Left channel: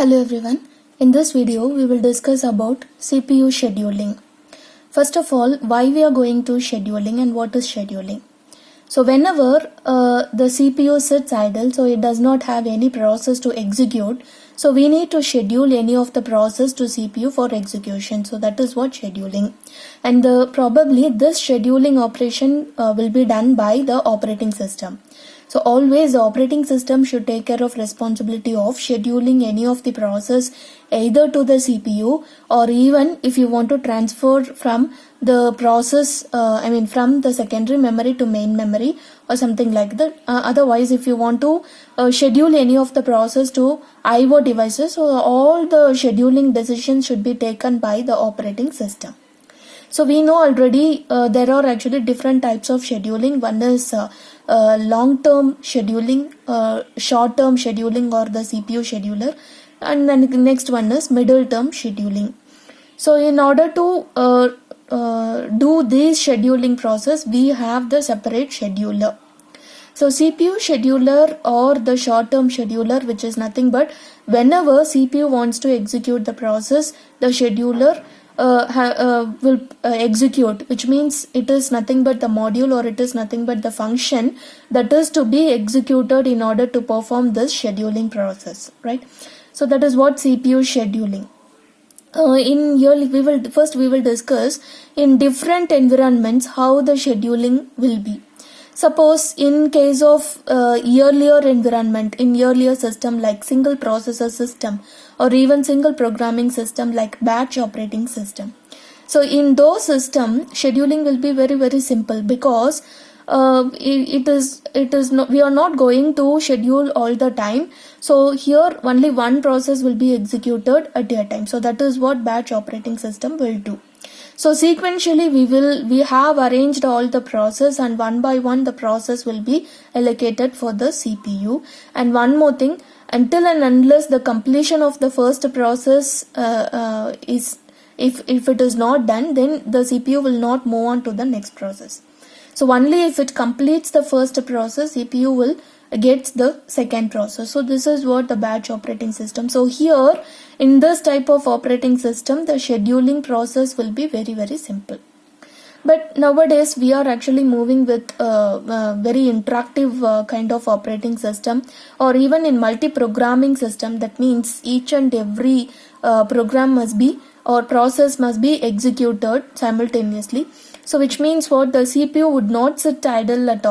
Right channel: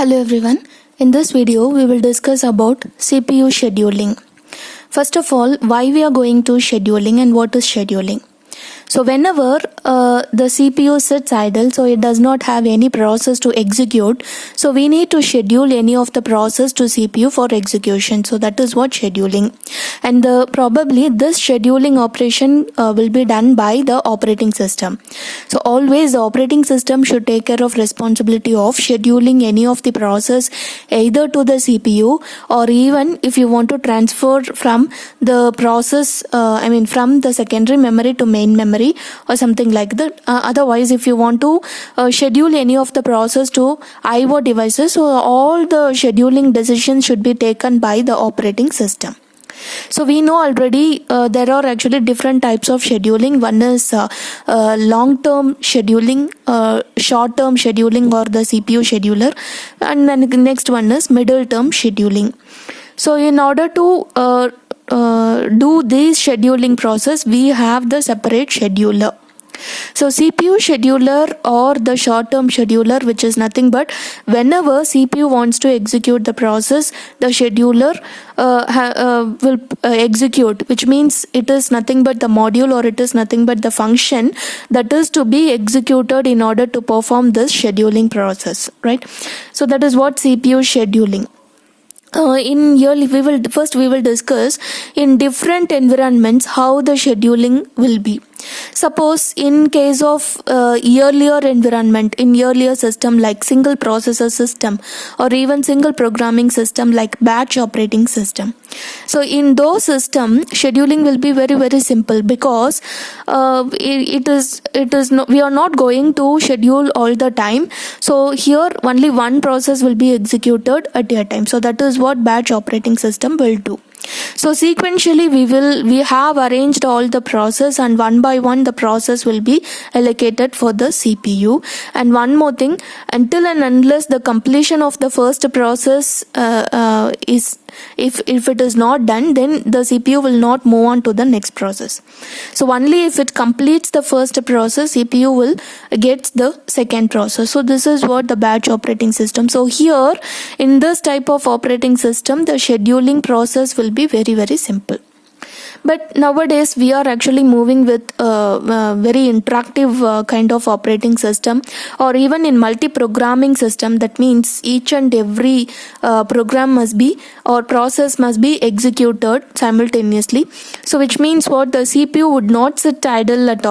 Hello everyone. In this video we will discuss about CPU scheduling. First of all, why we are going to scheduling and what is scheduling. So whenever the CPU sits idle, so it does not have any process to execute, so we need to schedule any of the process to CPU for execution. So that is what scheduling. And probably this scheduling operation will be done by the operating system. So always the operating system should take care of responsibility of scheduling any of the process either to the CPU, or even if you want to transfer from the process, from the secondary memory to main memory or something like that. Otherwise, if you want to schedule any of the process to IO devices, so all the scheduling decisions should be taken by the operating system. So we know already there are actually different types of scheduling. One is long-term scheduling, short-term scheduling or the CPU scheduler, and then the next one is middle-term scheduling. So in order to do this scheduling process, we have the separate scheduler. So CPU scheduler or the short-term scheduler, which is nothing but whenever CPU wants to execute the process, the scheduler will execute, which means it is nothing but the module or it is nothing but the function that is to be executed in order to perform this scheduling process, right? So that is what CPU scheduling. In here we will discuss in different environments how the scheduling will be. Suppose in case of earlier environment, in earlier system like single processor system or even single programming system like batch operating system. So in those system, scheduling will be very, very simple because we are not going to schedule all the time. So here only one process will be executed at a time. So that is what batch operating system will do. So sequentially we have arranged all the process, and one by one the process will be allocated for the CPU. And one more thing, until and unless the completion of the first process is if it is not done, then the CPU will not move on to the next process. So only if it completes the first process, CPU will get the second process. So this is what the batch operating system. So here in this type of operating system, the scheduling process will be very, very simple. But nowadays we are actually moving with a very interactive kind of operating system, or even in multi-programming system. That means each and every program must be or process must be executed simultaneously. So which means what, the CPU would not sit idle at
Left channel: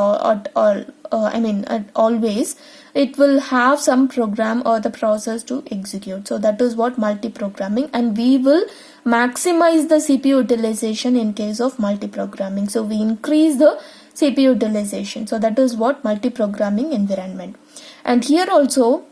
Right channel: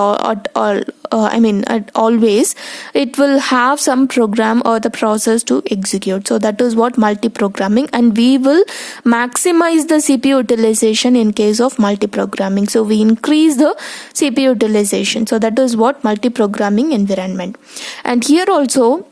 always. It will have some program or the process to execute. So that is what multi-programming, and we will maximize the CPU utilization in case of multi-programming. So we increase the CPU utilization. So that is what multi-programming environment. And here also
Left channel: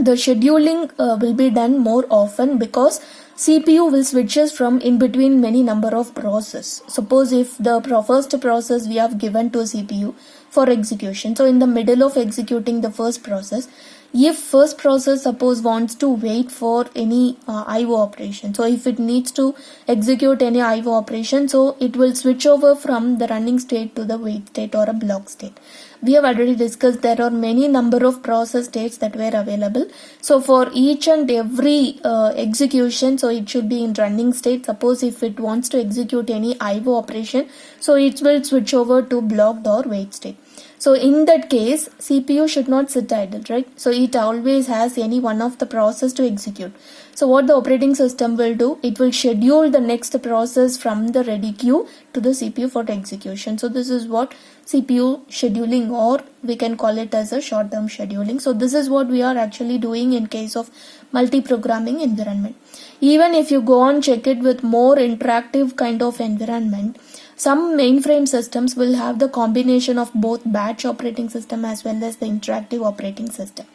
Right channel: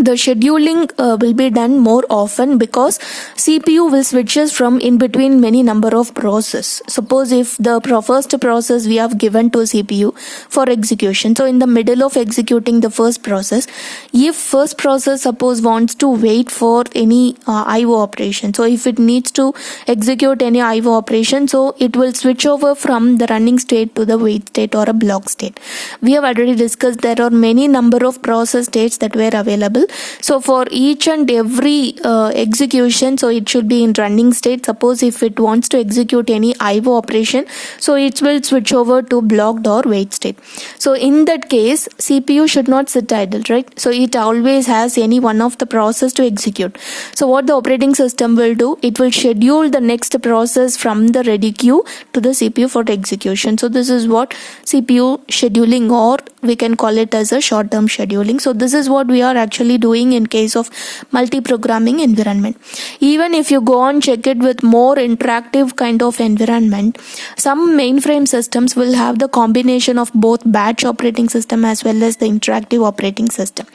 the scheduling will be done more often because CPU will switches from in between many number of process. Suppose if the first process we have given to CPU for execution, so in the middle of executing the first process, if first process suppose wants to wait for any IO operation, so if it needs to execute any IO operation, so it will switch over from the running state to the wait state or a block state. We have already discussed there are many number of process states that were available. So for each and every execution, so it should be in running state. Suppose if it wants to execute any IO operation, so it will switch over to blocked or wait state. So in that case, CPU should not sit idle, right? So it always has any one of the process to execute. So what the operating system will do, it will schedule the next process from the ready queue to the CPU for execution. So this is what CPU scheduling, or we can call it as a short-term scheduling. So this is what we are actually doing in case of multi-programming environment. Even if you go and check it with more interactive kind of environment, some mainframe systems will have the combination of both batch operating system as well as the interactive operating system.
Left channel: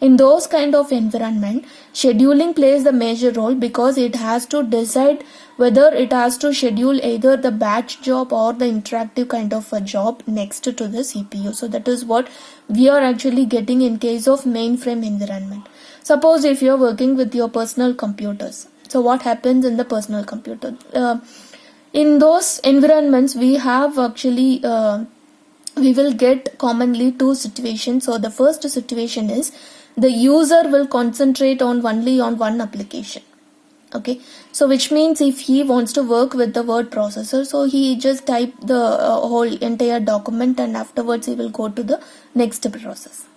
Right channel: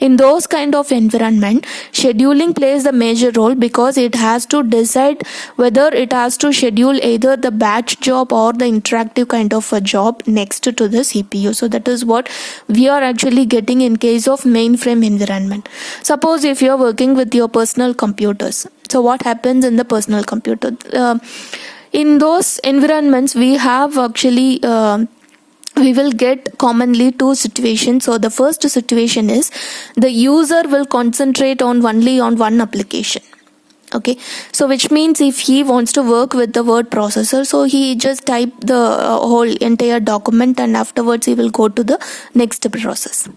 In those kind of environment, scheduling plays the major role because it has to decide whether it has to schedule either the batch job or the interactive kind of a job next to the CPU. So that is what we are actually getting in case of mainframe environment. Suppose if you are working with your personal computers, so what happens in the personal computer? In those environments, we have actually we will get commonly two situations. So the first situation is the user will concentrate on only on one application. Okay, so which means if he wants to work with the word processor, so he just type the whole entire document and afterwards he will go to the next process.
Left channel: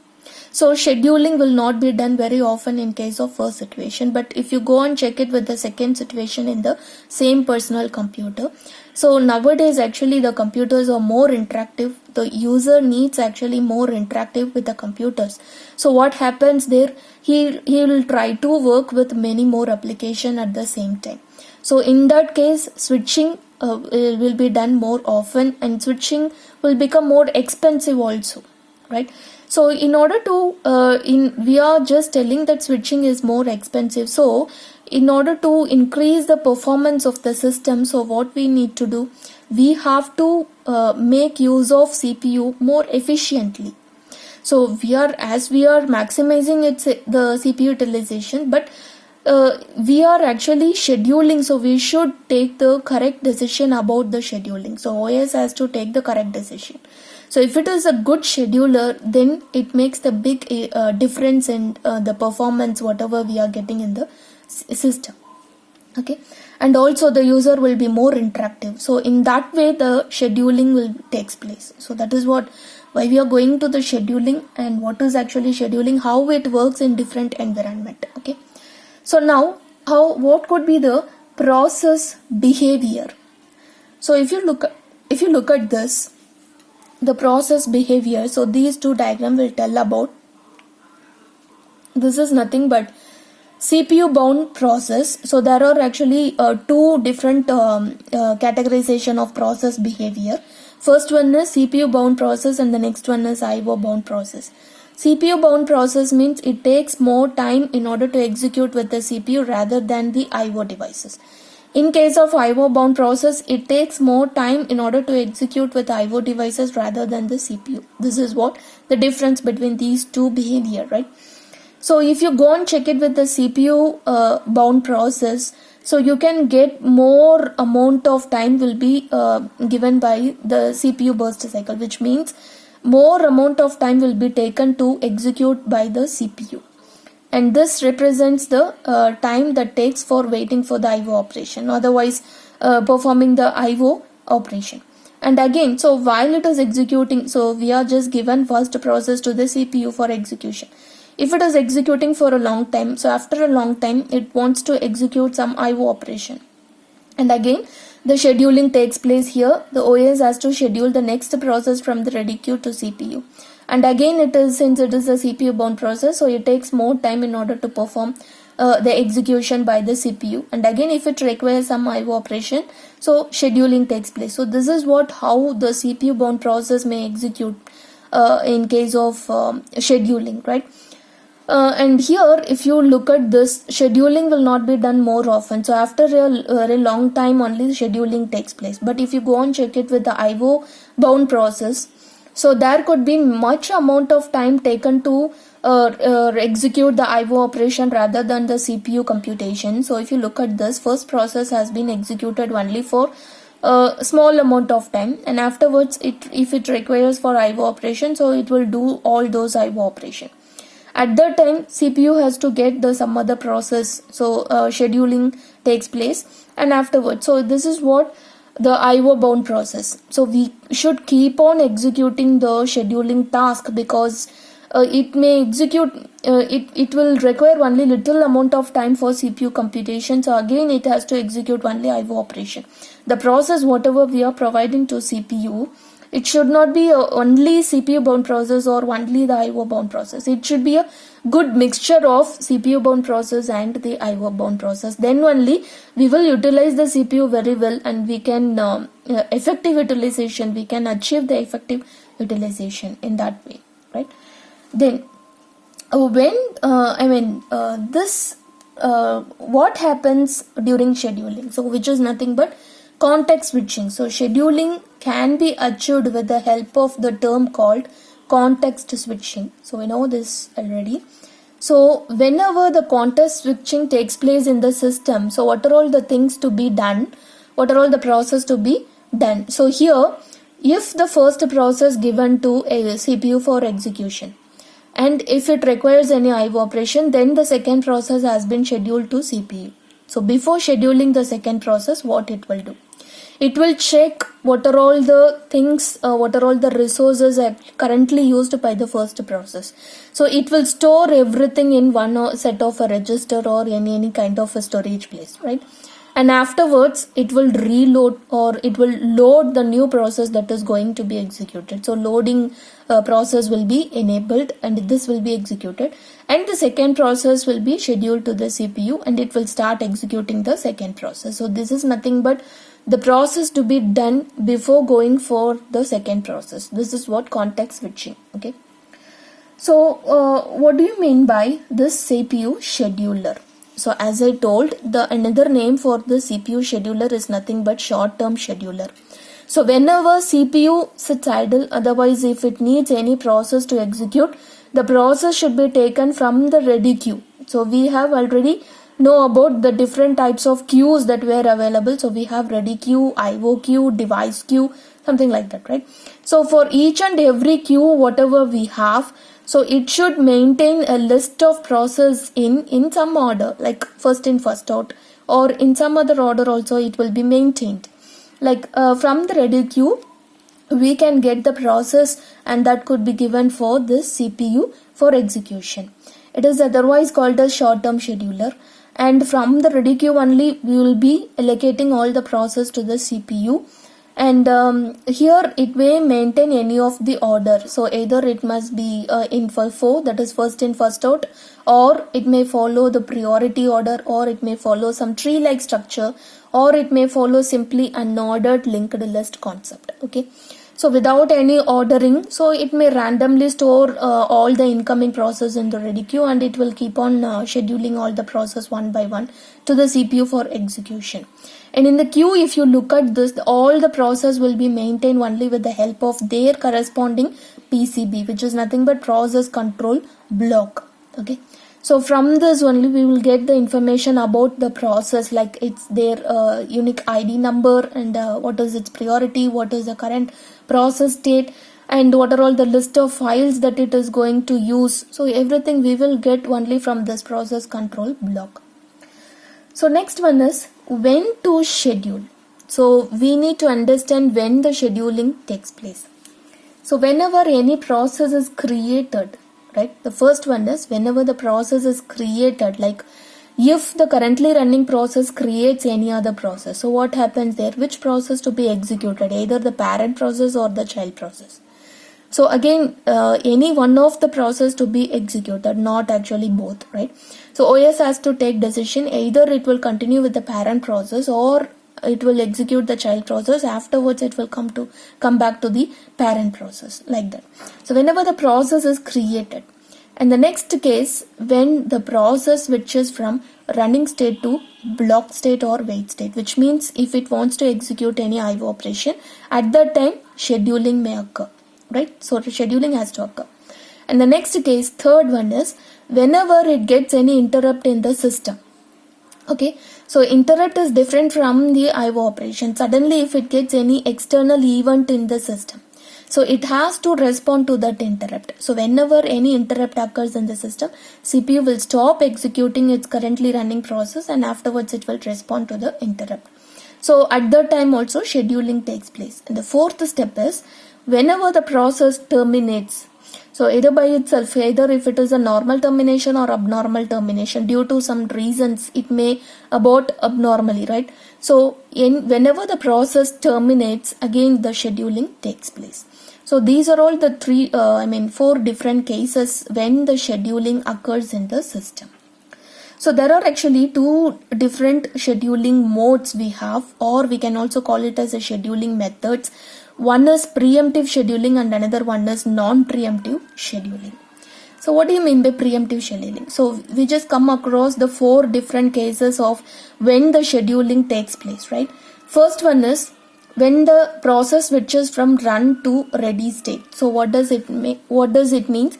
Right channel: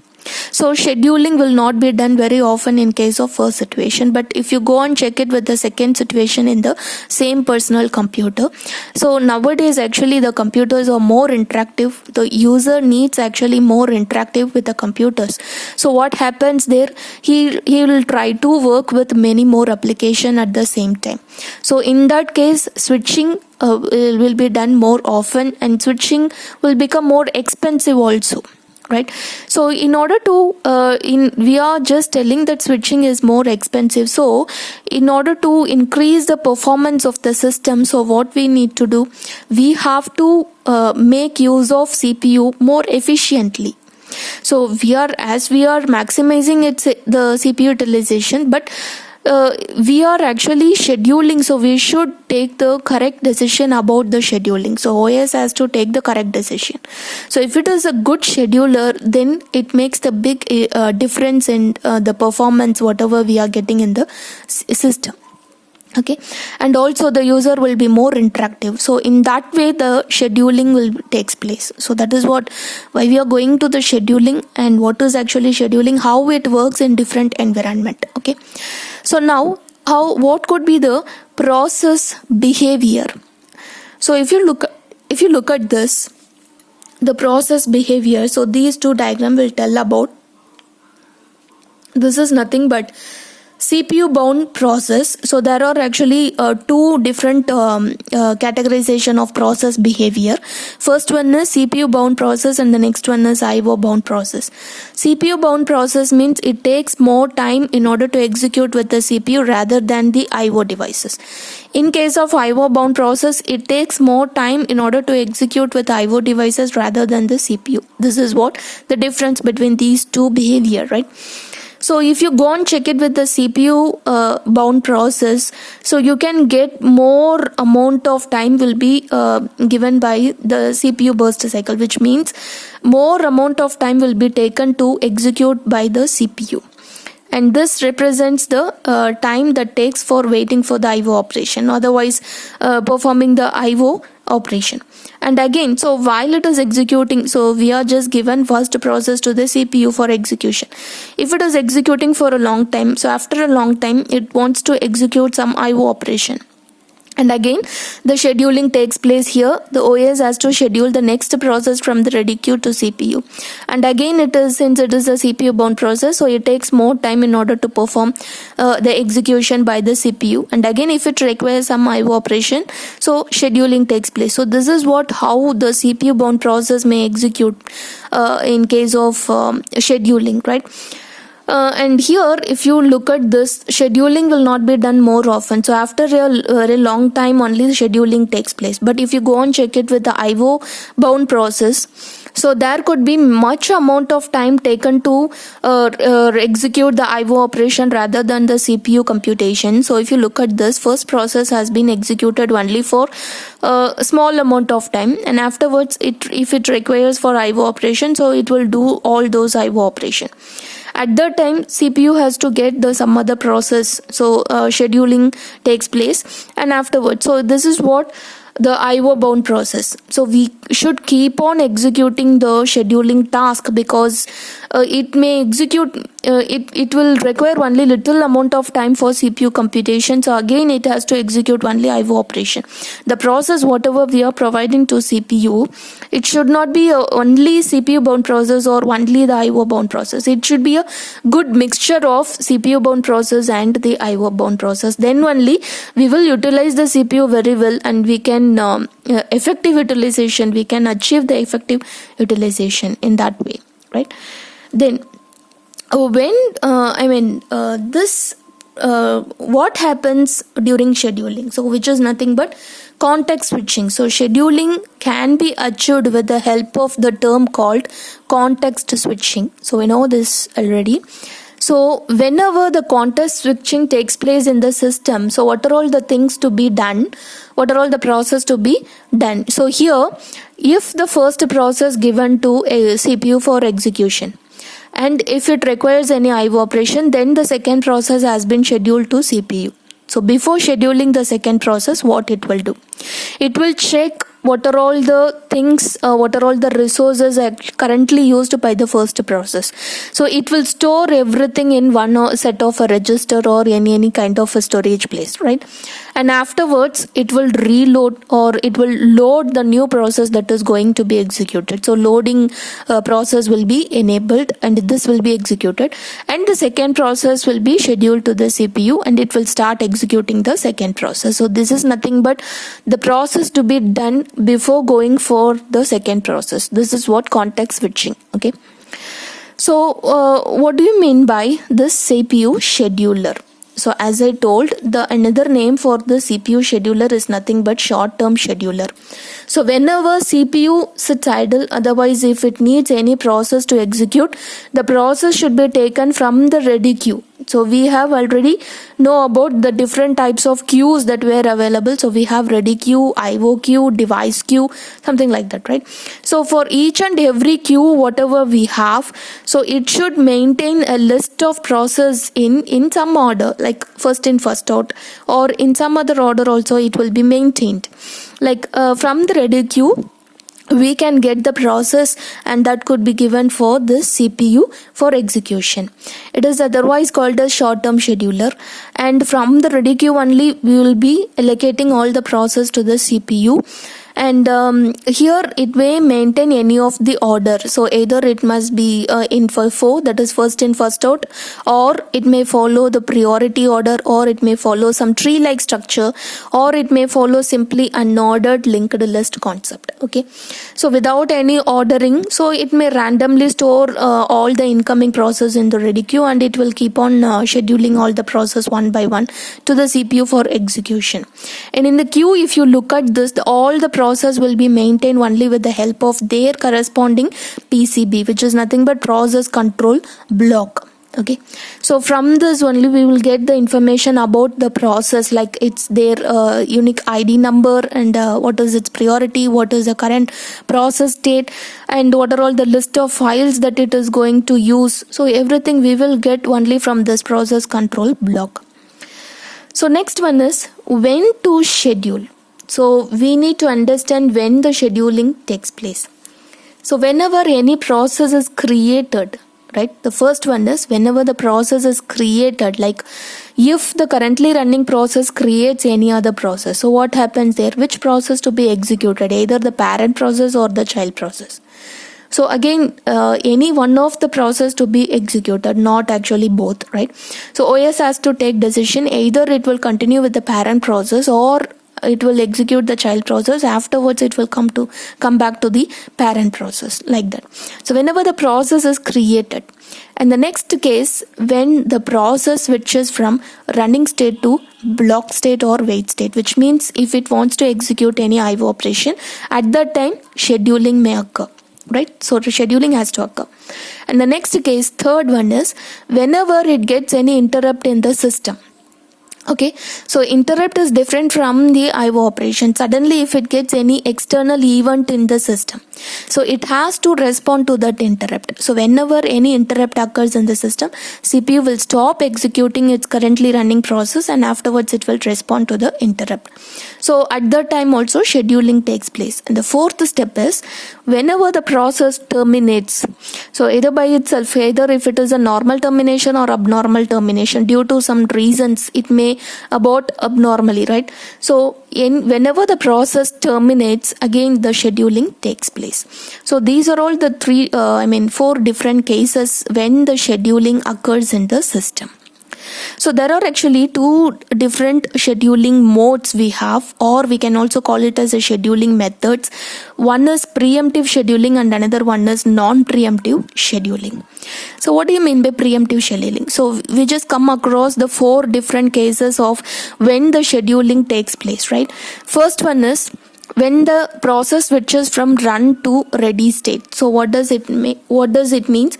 So scheduling will not be done very often in case of first situation, but if you go and check it with the second situation in the same personal computer, so nowadays actually the computers are more interactive. The user needs actually more interactive with the computers. So what happens there, he will try to work with many more application at the same time. So in that case, switching will be done more often, and switching will become more expensive also, right? So in order to we are just telling that switching is more expensive. So in order to increase the performance of the system, so what we need to do, we have to make use of CPU more efficiently. So we are maximizing the CPU utilization, but we are actually scheduling, so we should take the correct decision about the scheduling. So OS has to take the correct decision. So if it is a good scheduler, then it makes the big difference in the performance whatever we are getting in the system. Okay, and also the user will be more interactive. So in that way the scheduling will takes place. So that is why we are going to the scheduling, and what is actually scheduling, how it works in different environment. Okay, so now what could be the process behavior? So if you look at this, the process behavior, so these two diagrams will tell about, this is nothing but CPU bound process. So there are actually two different categorization of process behavior. First one is CPU bound process and the next one is IO bound process. CPU bound process means it takes more time in order to execute with the CPU rather than the IO devices. In case of IO bound process, it takes more time in order to execute with IO devices rather than the CPU. This is what the difference between these two behavior, right? So if you go and check it with the CPU bound process, so you can get more amount of time will be given by the CPU burst cycle, which means more amount of time will be taken to execute by the CPU. And this represents the time that takes for waiting for the IO operation, otherwise performing the IO operation. And again, so while it is executing, so we are just given first process to the CPU for execution. If it is executing for a long time, so after a long time it wants to execute some IO operation. And again, the scheduling takes place here. The OS has to schedule the next process from the ready queue to CPU. And again, since it is a CPU bound process, so it takes more time in order to perform the execution by the CPU. And again, if it requires some IO operation, so scheduling takes place. So this is how the CPU bound process may execute in case of scheduling, right? And here, if you look at this, scheduling will not be done more often. So after a very long time only the scheduling takes place. But if you go and check it with the IO bound process, so there could be much amount of time taken to execute the IO operation rather than the CPU computation. So if you look at this, first process has been executed only for a small amount of time, and afterwards if it requires for IO operation, so it will do all those IO operation. At that time, CPU has to get some other process, so scheduling takes place, and afterwards. So this is what the IO bound process. So we should keep on executing the scheduling task, because it may execute, it will require only little amount of time for CPU computation. So again, it has to execute only IO operation. The process whatever we are providing to CPU, it should not be only CPU bound process or only the IO bound process. It should be a good mixture of CPU bound process and the IO bound process. Then only we will utilize the CPU very well, and we can effective utilization, we can achieve the effective utilization in that way, right? Then when what happens during scheduling, so which is nothing but context switching. So scheduling can be achieved with the help of the term called context switching. So we know this already. So whenever the context switching takes place in the system, so what are all the things to be done? What are all the process to be done? So here if the first process given to a CPU for execution, and if it requires any IO operation, then the second process has been scheduled to CPU. So before scheduling the second process, what it will do? It will check what are all the things, what are all the resources currently used by the first process. So it will store everything in one set of a register or any kind of a storage place, right? And afterwards it will reload, or it will load the new process that is going to be executed. So loading process will be enabled and this will be executed, and the second process will be scheduled to the CPU and it will start executing the second process. So this is nothing but the process to be done before going for the second process. This is what context switching. Okay, so what do you mean by this CPU scheduler? So as I told, the another name for the CPU scheduler is nothing but short-term scheduler. So whenever CPU sits idle, otherwise if it needs any process to execute, the process should be taken from the ready queue. So we have already know about the different types of queues that were available. So we have ready queue, IO queue, device queue, something like that, right? So for each and every queue, whatever we have, so it should maintain a list of process in some order, like first in first out, or in some other order also it will be maintained. Like from the ready queue, we can get the process, and that could be given for this CPU for execution. It is otherwise called a short-term scheduler, and from the ready queue only we will be allocating all the process to the CPU. And here it may maintain any of the order. So either it must be in FIFO, that is first in first out, or it may follow the priority order, or it may follow some tree like structure, or it may follow simply unordered linked list concept. Okay, so without any ordering, so it may randomly store all the incoming process in the ready queue, and it will keep on scheduling all the process one by one to the CPU for execution. And in the queue, if you look at this, all the process will be maintained only with the help of their corresponding PCB, which is nothing but process control block. Okay, so from this only we will get the information about the process, like it's their unique ID number, and what is its priority, what is the current process state, and what are all the list of files that it is going to use. So everything we will get only from this process control block. So next one is when to schedule. So we need to understand when the scheduling takes place. So whenever any process is created, right, the first one is whenever the process is created, like if the currently running process creates any other process, so what happens there? Which process to be executed? Either the parent process or the child process. So again, any one of the process to be executed, not actually both, right? So OS has to take decision, either it will continue with the parent process or it will execute the child process. Afterwards it will come back to the parent process, like that. So whenever the process is created, and the next case, when the process switches from running state to block state or wait state, which means if it wants to execute any IO operation, at that time scheduling may occur, right? So the scheduling has to occur. And the next case, third one, is whenever it gets any interrupt in the system. Okay, so interrupt is different from the IO operation. Suddenly if it gets any external event in the system, so it has to respond to that interrupt. So whenever any interrupt occurs in the system, CPU will stop executing its currently running process, and afterwards it will respond to the interrupt. So at that time also scheduling takes place. And the fourth step is whenever the process terminates. So either by itself, either if it is a normal termination or abnormal termination, due to some reasons it may abort abnormally, right? So whenever the process terminates, again the scheduling takes place. So these are all the four different cases when the scheduling occurs in the system. So there are actually two different scheduling modes we have, or we can also call it as a scheduling methods. One is preemptive scheduling and another one is non-preemptive scheduling. So what do you mean by preemptive scheduling? So we just come across the four different cases of when the scheduling takes place, right? First one is when the process switches from run to ready state. So what does it mean?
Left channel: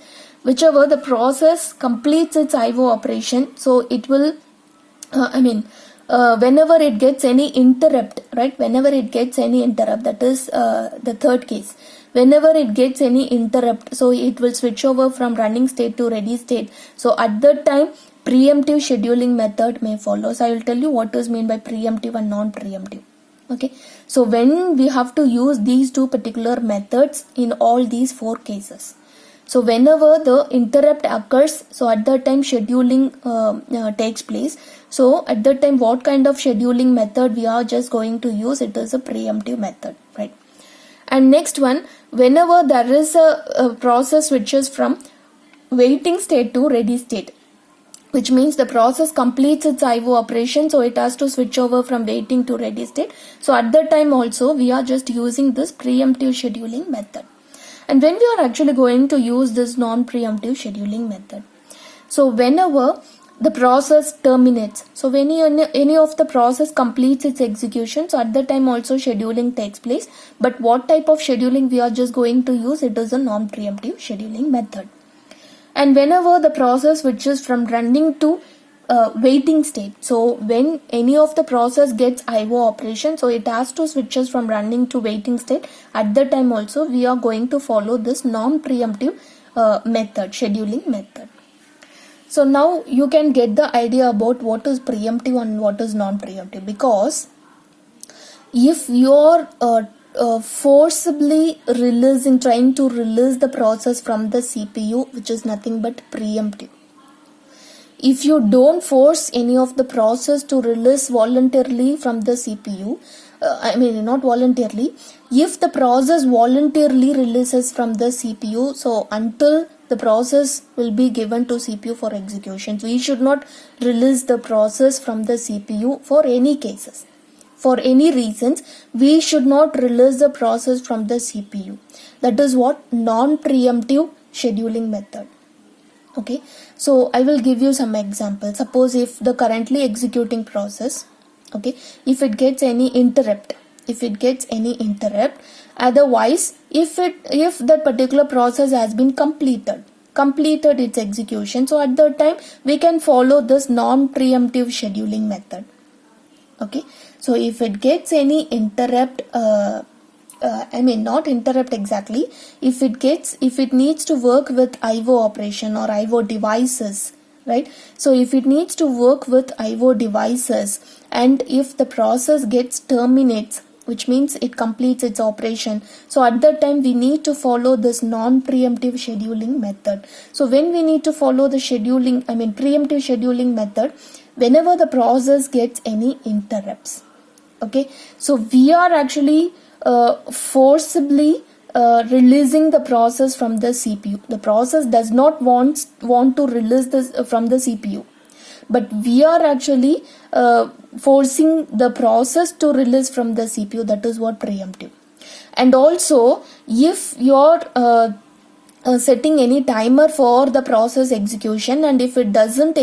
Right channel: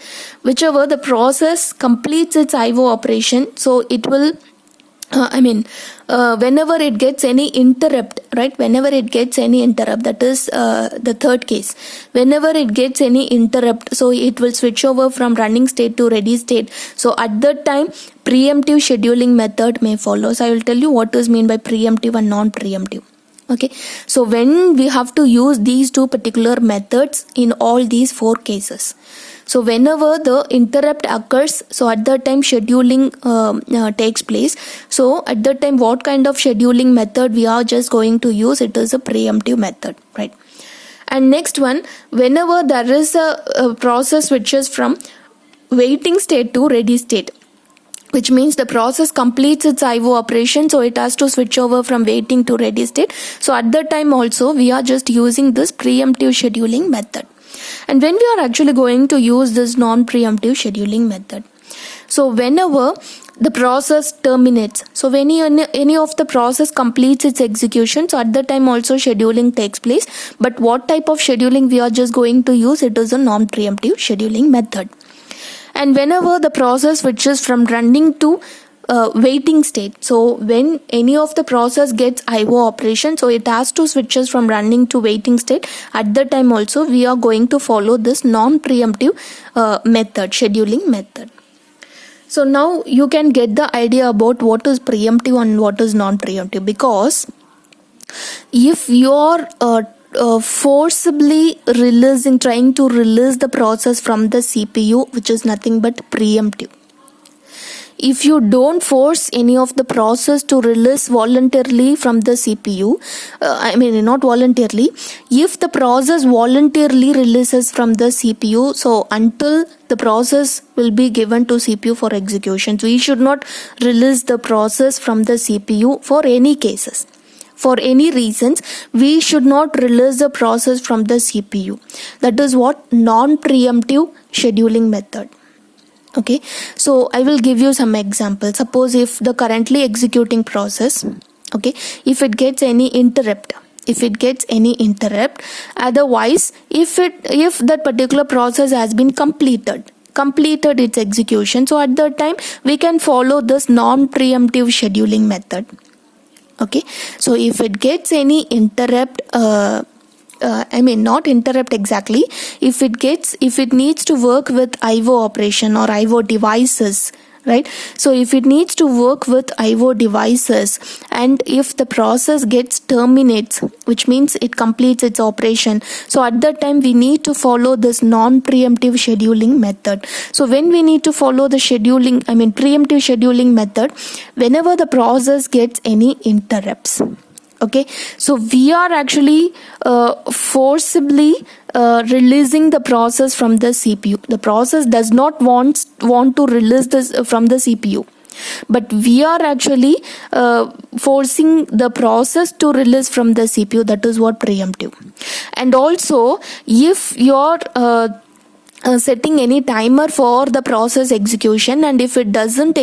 Whichever the process completes its IO operation, so it will whenever it gets any interrupt, right? Whenever it gets any interrupt, that is the third case. Whenever it gets any interrupt, so it will switch over from running state to ready state. So at that time, preemptive scheduling method may follow. So I will tell you what is mean by preemptive and non-preemptive. Okay, so when we have to use these two particular methods in all these four cases. So whenever the interrupt occurs, so at that time scheduling takes place. So at that time, what kind of scheduling method we are just going to use? It is a preemptive method, right? And next one, whenever there is a process which is from waiting state to ready state, which means the process completes its IO operation, so it has to switch over from waiting to ready state. So at that time also, we are just using this preemptive scheduling method. And when we are actually going to use this non-preemptive scheduling method, so whenever the process terminates, so when any of the process completes its execution, so at the time also scheduling takes place. But what type of scheduling we are just going to use? It is a non-preemptive scheduling method. And whenever the process switches from running to waiting state, so when any of the process gets IO operation, so it has to switches from running to waiting state. At the time also, we are going to follow this non-preemptive method, scheduling method. So now you can get the idea about what is preemptive and what is non-preemptive, because if you are forcibly trying to release the process from the CPU, which is nothing but preemptive. If you don't force any of the process to release voluntarily from the CPU, not voluntarily, if the process voluntarily releases from the CPU, so until the process will be given to CPU for execution, so we should not release the process from the CPU for any cases. For any reasons, we should not release the process from the CPU. That is what non-preemptive scheduling method. Okay, so I will give you some examples. Suppose if the currently executing process, okay, if it gets any interrupt, otherwise, if that particular process has been completed its execution, so at that time we can follow this non-preemptive scheduling method. Okay, so if it gets any interrupt, not interrupt exactly, if it needs to work with IO operation or IO devices, right? So if it needs to work with IO devices, and if the process terminates, which means it completes its operation, so at that time we need to follow this non-preemptive scheduling method. So when we need to follow the preemptive scheduling method, whenever the process gets any interrupts. Okay, so we are actually forcibly releasing the process from the CPU. The process does not want to release this from the CPU, but we are actually forcing the process to release from the CPU. That is what preemptive. And also, if you're setting any timer for the process execution, and if it doesn't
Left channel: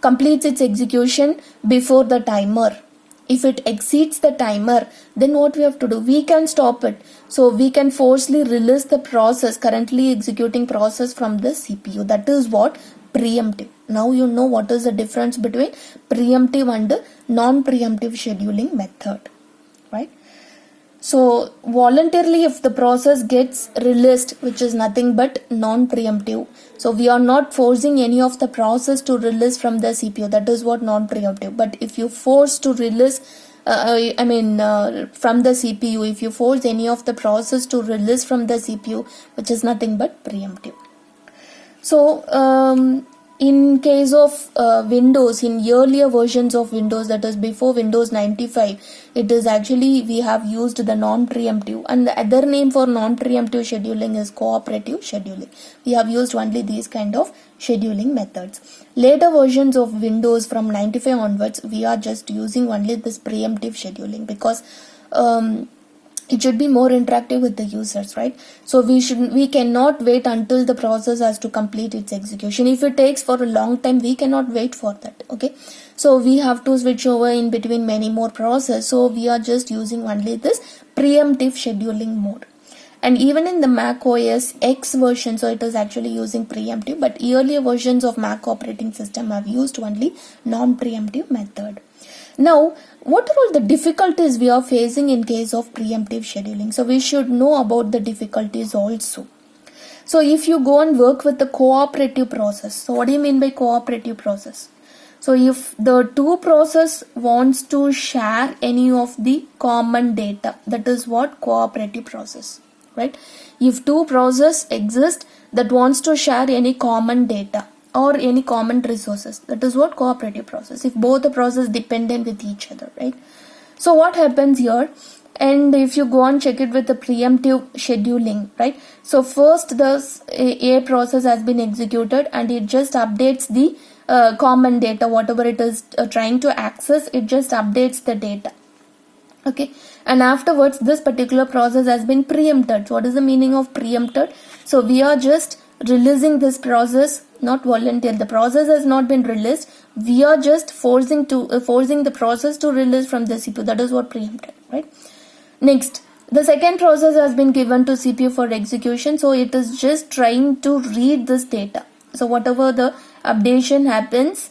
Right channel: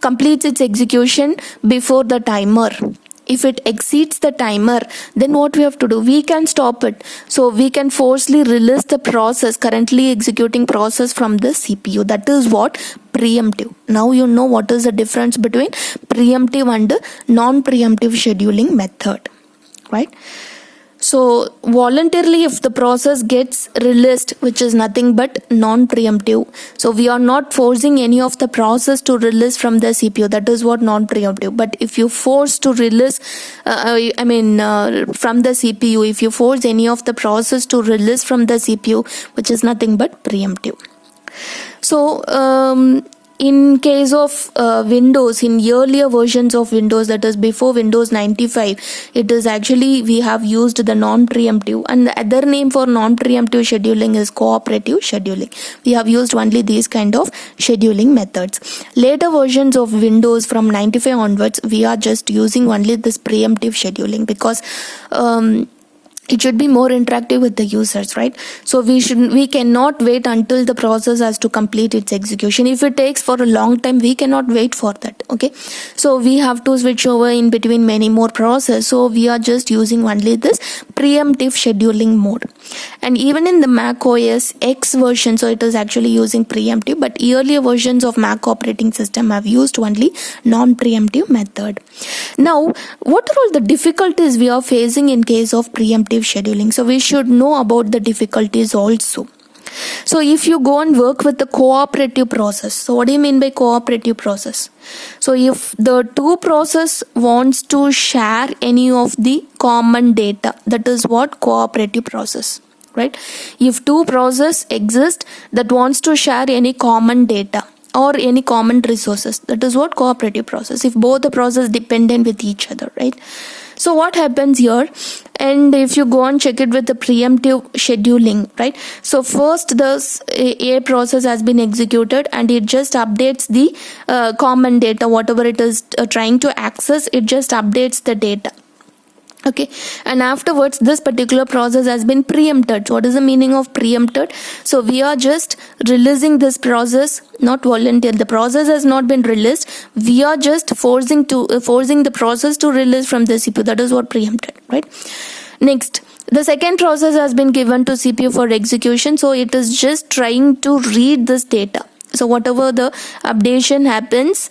completes its execution before the timer, if it exceeds the timer, then what we have to do? We can stop it. So we can forcibly release the currently executing process from the CPU. That is what preemptive. Now you know what is the difference between preemptive and non-preemptive scheduling method, right? So voluntarily, if the process gets released, which is nothing but non-preemptive, so we are not forcing any of the process to release from the CPU. That is what non-preemptive. But if you force to release from the CPU, if you force any of the process to release from the CPU, which is nothing but preemptive. So in case of Windows, in earlier versions of Windows, that is before Windows 95, it is actually we have used the non-preemptive, and the other name for non-preemptive scheduling is cooperative scheduling. We have used only these kind of scheduling methods. Later versions of Windows from 95 onwards, we are just using only this preemptive scheduling, because it should be more interactive with the users, right? So we cannot wait until the process has to complete its execution. If it takes for a long time, we cannot wait for that. Okay, so we have to switch over in between many more processes. So we are just using only this preemptive scheduling mode. And even in the Mac OS X version, so it is actually using preemptive, but earlier versions of Mac operating system have used only non-preemptive method. Now, what are all the difficulties we are facing in case of preemptive scheduling? So we should know about the difficulties also. So if you go and work with the cooperative process, so what do you mean by cooperative process? So if the two process wants to share any of the common data, that is what cooperative process, right? If two process exist that wants to share any common data or any common resources, that is what cooperative process, if both the process dependent with each other, right? So what happens here, and if you go and check it with the preemptive scheduling, right? So first this A process has been executed and it just updates the common data, whatever it is trying to access, it just updates the data. Okay, and afterwards this particular process has been preempted. So what is the meaning of preempted? So we are just releasing this process, not volunteer. The process has not been released. We are just forcing the process to release from the CPU. That is what preempted, right? Next, the second process has been given to CPU for execution. So it is just trying to read this data. So whatever the updation happens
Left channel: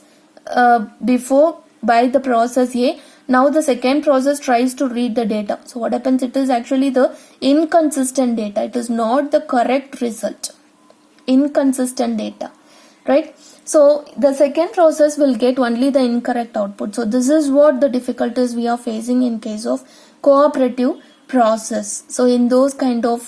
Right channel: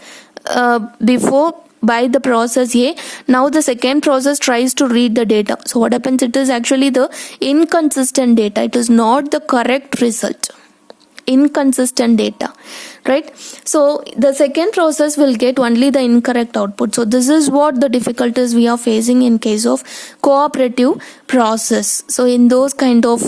before by the process A, now the second process tries to read the data. So what happens, it is actually the inconsistent data, it is not the correct result, inconsistent data, right? So the second process will get only the incorrect output. So this is what the difficulties we are facing in case of cooperative process. So in those kind of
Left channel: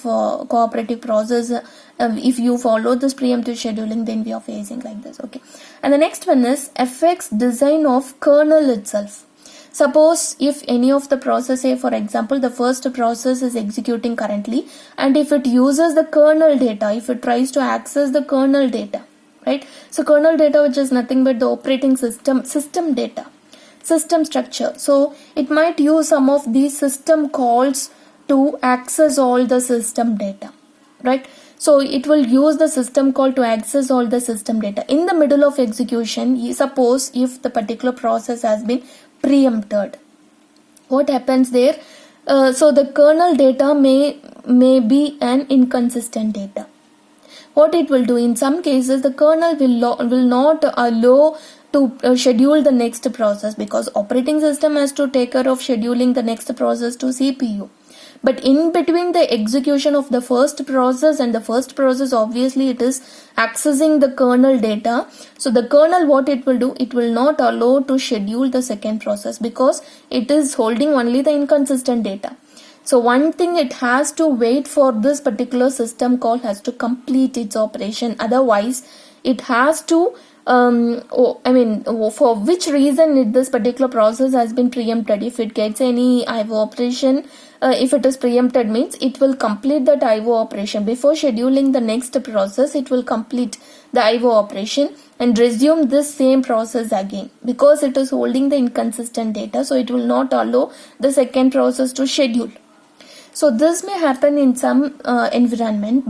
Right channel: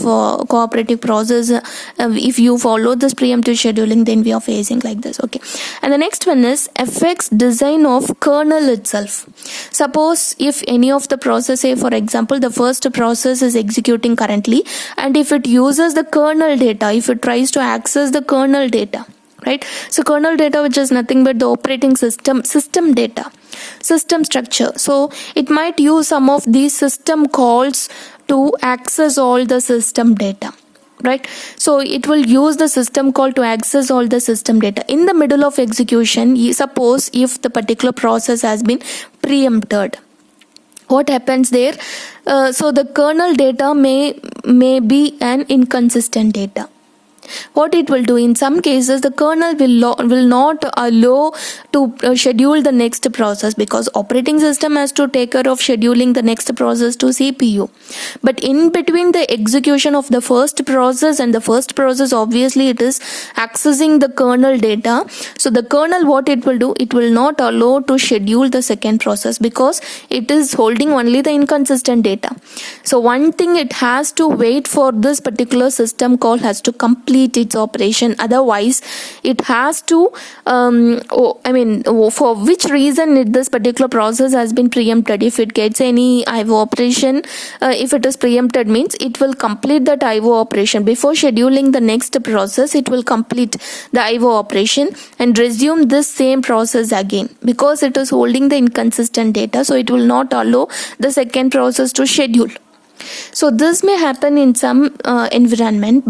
cooperative process, if you follow this preemptive scheduling, then we are facing like this. Okay, and the next one is affects design of kernel itself. Suppose if any of the process, say for example the first process is executing currently, and if it uses the kernel data, if it tries to access the kernel data, right? So kernel data, which is nothing but the operating system data, system structure. So it might use some of these system calls to access all the system data, right? So it will use the system call to access all the system data. In the middle of execution, suppose if the particular process has been preempted, what happens there? So the kernel data may be an inconsistent data. What it will do, in some cases the kernel will not allow to schedule the next process, because operating system has to take care of scheduling the next process to CPU. But in between the execution of the first process and the first process, obviously it is accessing the kernel data. So the kernel, what it will do, it will not allow to schedule the second process because it is holding only the inconsistent data. So one thing, it has to wait for this particular system call has to complete its operation, otherwise it has to for which reason this particular process has been preempted. If it gets any IO operation, if it is preempted, means it will complete that IO operation before scheduling the next process. It will complete the IO operation and resume this same process again, because it is holding the inconsistent data. So it will not allow the second process to schedule. So this may happen in some environment.